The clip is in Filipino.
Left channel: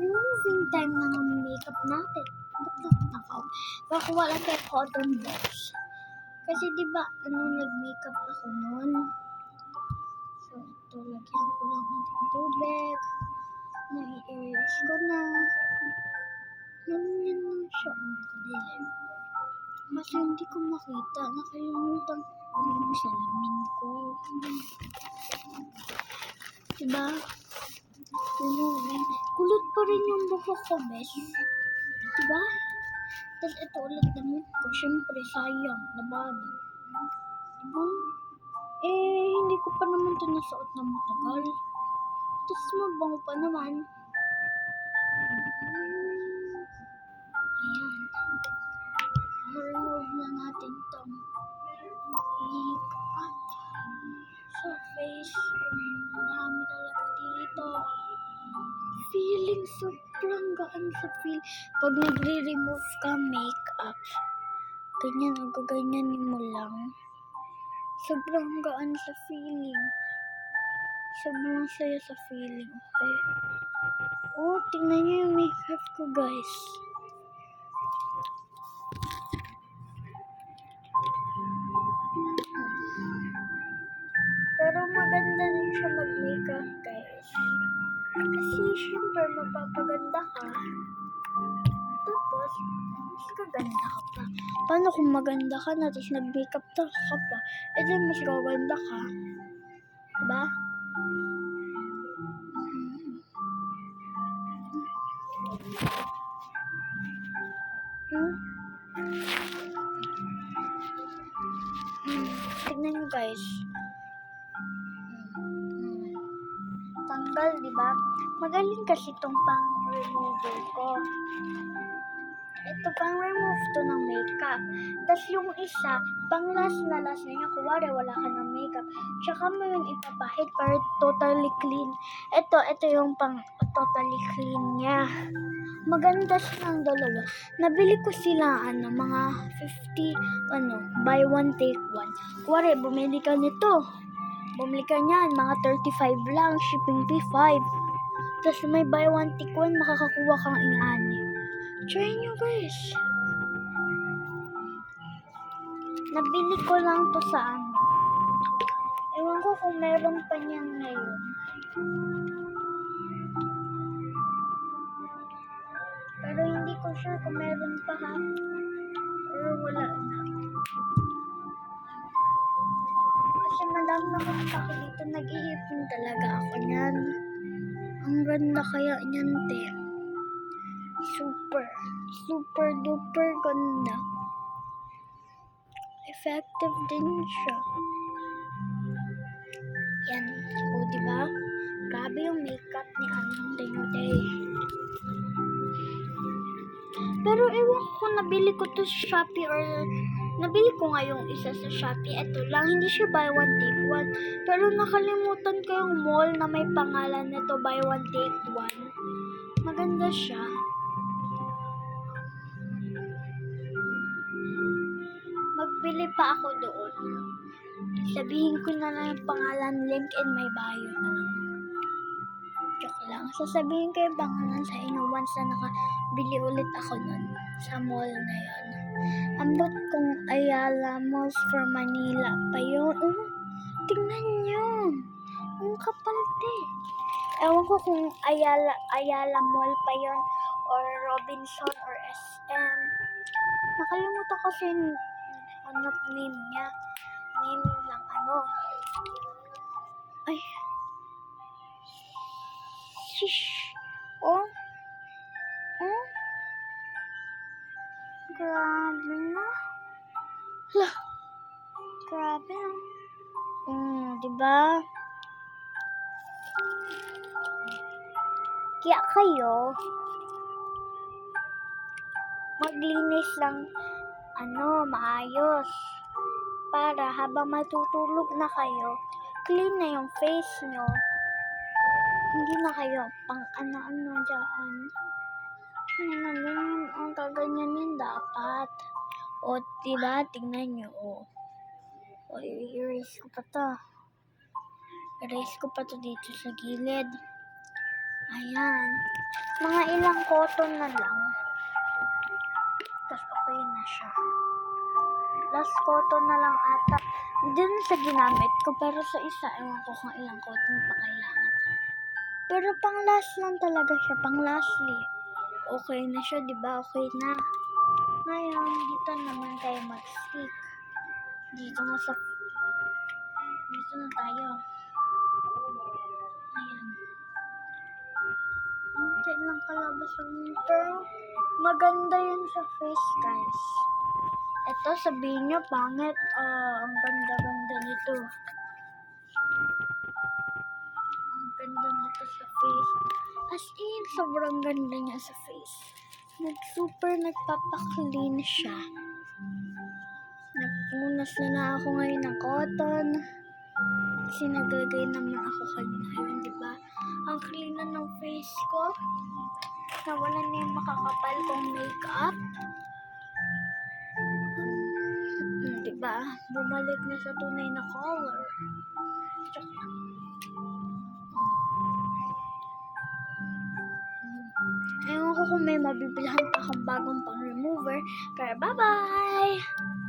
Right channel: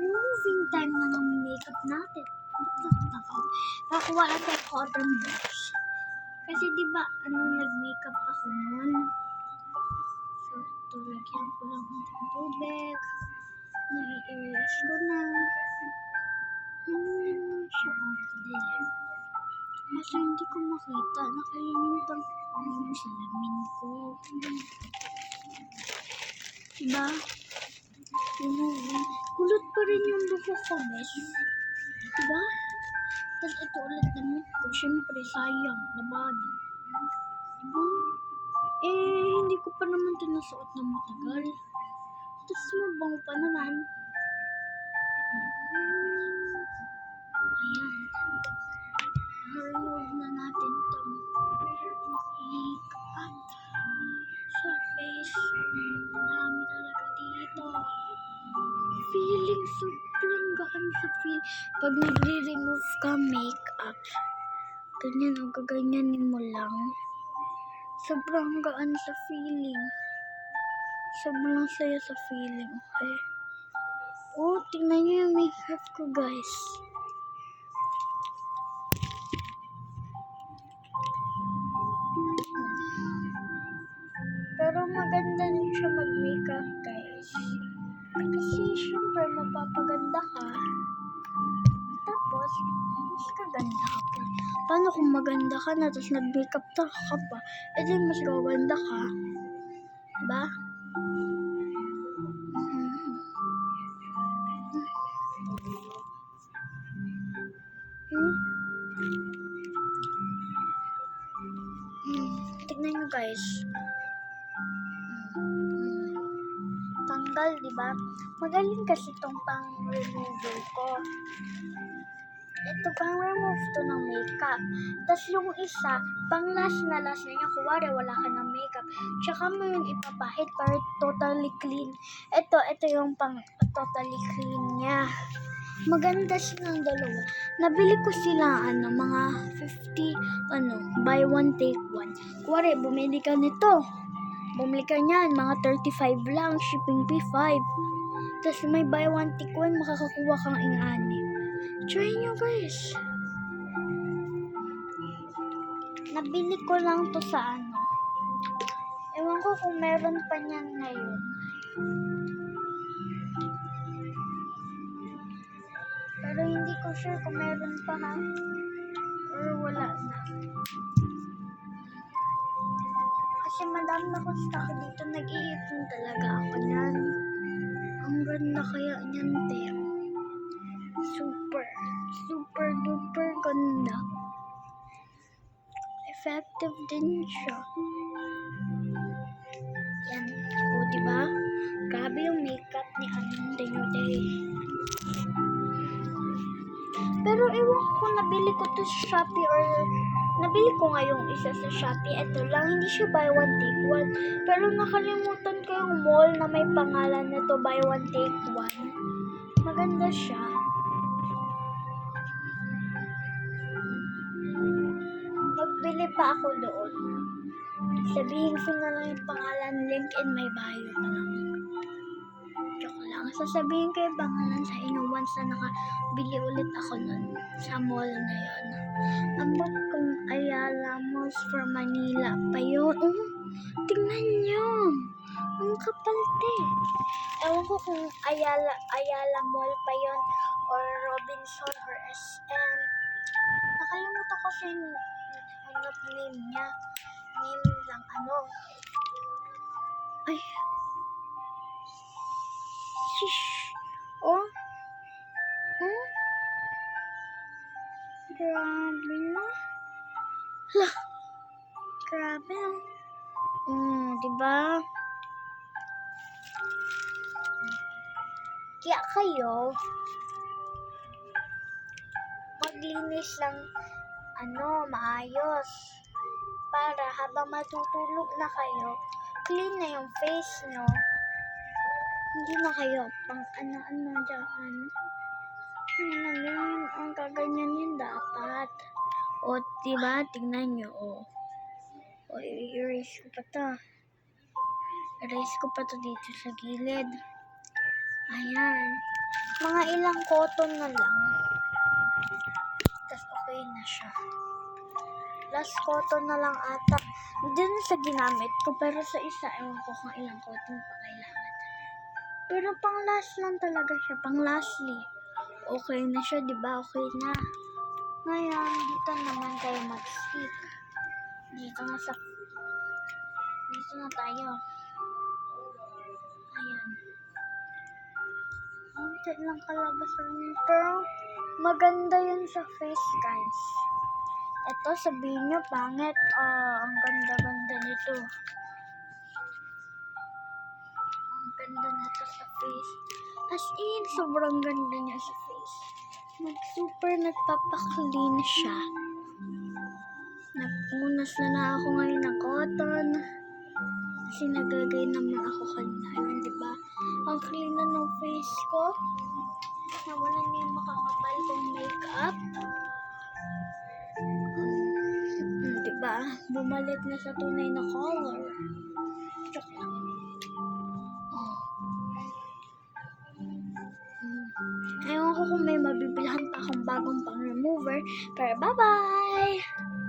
removing time na ng makeup natin. Nakakuha lang kay cotton box. Kasi diba, nag-makeup ako noon. So, ito, lagyan ko lang ng tubig. Nai-erase ko na. Namin lang siya. Kadali. Kasi hindi ko makita. Nakalimutan ko yung salamin ko. Diba? Kulot pa rin yung buhok ko, bes. Diba? Tapos ito ulit damit ko. Siyempre, sayang. Labado. Diba? Hindi ko pa naman ito nasuot na matagal. Tapos mabango pa naman. Ayan. Remove na natin itong makeup sa face. Dami talaga dito. Feeling sobrang gaan sa feel. Pag nagre-remove ka makeup, ganyan o gaganyanin mo lang. Sobrang gaan sa feeling. Sobrang saya sa feeling, okay? Oh, tingnan nyo yung makeup ko, guys. Pero maganda rin siya mag-makeup, guys. Kasi, syempre, mapapaganda ka. Tapos, mas kaganda ka pa. Paano kung maganda ka na, tapos nag-makeup ka pa? Di mas gaganda ka. Diba? Tignan nyo, guys. Tanggal, diba? Magaling kasi itong pang-remover ko. Ito, pang-remove to ng makeup. Tapos yung isa, pang-last na niya. Kuwari, wala ka ng makeup. Tsaka mo yung ipapahid para totally clean. Ito yung pang-totally clean niya. Maganda silang dalawa. Nabili ko sila, mga 50, buy one, take one. Kuwari, bumili ka nito. Bumili ka niyan, mga 35 lang, shipping fee 5. Tapos may buy one, take one, makakakuha kang ing-ani. Try nyo, guys. Nabili ko lang to sa ewan ko kung meron pa niyan ngayon. Pero hindi ko sure kung meron pa, ha? Or wala na. Kasi madami ako stock dito. Nag-iipon talaga ako niyan. Ang ganda kaya niyan, te. Super duper ganda. Effective din siya. Yan. O, diba? Grabe yung makeup ni Day. Pero ewan ko kung nabili ko to sa Shopee or nabili ko nga yung isa sa Shopee. Ito lang, hindi siya buy one take one. Pero nakalimutan ko yung mall na may pangalan nito buy one take one. Maganda siya. Magbili pa ako doon. Sabihin ko na lang yung pangalan, link in my bio na lang. Joke lang. Sasabihin ko yung pangalan sa inyo once na nakabili ulit ako nun sa mall na yun. Ambot kong Ayala Malls for Manila pa yun. Tingnan nyo. Ang kapal, te. Ewan ko kung Ayala Mall pa yun or Robinson or SM. Nakalimutan ko kasi name niya. Name lang Ay. Shish. Oh. Grabe na. Lah. Grabe. Diba? Kaya kayo, maglinis lang, maayos. Para habang matutulog na kayo, clean na yung face nyo. Hindi na kayo pang dyan. Ang kaganyanin dapat. O, diba? Tingnan nyo, O, i-erase ko pa to. Erase ko pa to dito sa gilid. Ayan. Mga ilang cotton na lang. Tapos okay na siya. Last cotton na lang ata. Hindi na sa ginamit ko, pero sa isa, ewan ko kung ilang cotton pa kailangan. Pero pang last lang talaga siya, pang lastly. Okay na siya, di ba? Okay na. Ngayon, dito naman tayo mag-stick. Dito na tayo. Ayan. Unti lang kalabasan yun. Pero, maganda yun sa face, guys. Ito, sabihin nyo, pangit. Ang ganda-ganda nito. Ang ganda nito sa face. As in, sobrang ganda niya sa face. Super nagpapaklean siya. Nagpunas na ako ngayon ng cotton. Kasi naglagay naman ako kanina. Ayun, diba? Ang clean na ng face ko. Nawala na yung makakapal kong makeup. Diba? Bumalik na sa tunay na color. Joke lang. Ewan ko kung may mabibilhan pa akong bagong pang remover. Pero bye-bye!